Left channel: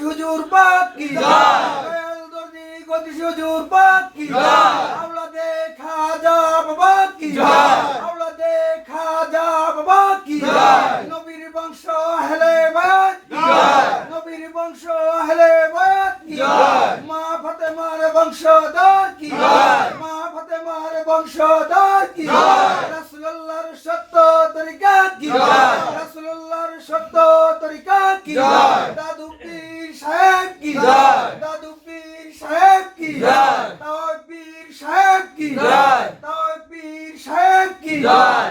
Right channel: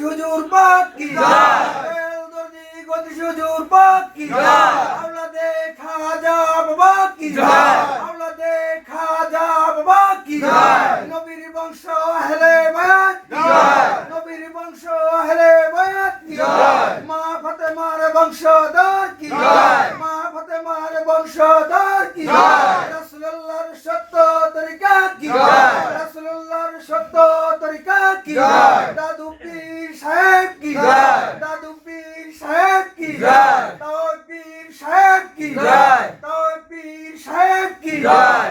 হুজুর পাক কি জয়। দর্দি গদি হুজুর পাক কি জয়। বংশ আহলে বায়াত জয়। নবীর বংশ আহলে বায়াত জয়। মা ফাতেমার বংশধর কি জয়। মা ফাতেমার বংশধর কি জয়। রাসূলুল্লাহর সত্য তরিকা কি জয়। রাসূলুল্লাহর সত্য তরিকা কি জয়। দাদু পীর সাহেব কি জয়। দাদু পীর সাহেব কি জয়। তাও পীর সাহেব কি জয়। তাও পীর সাহেব কি জয়।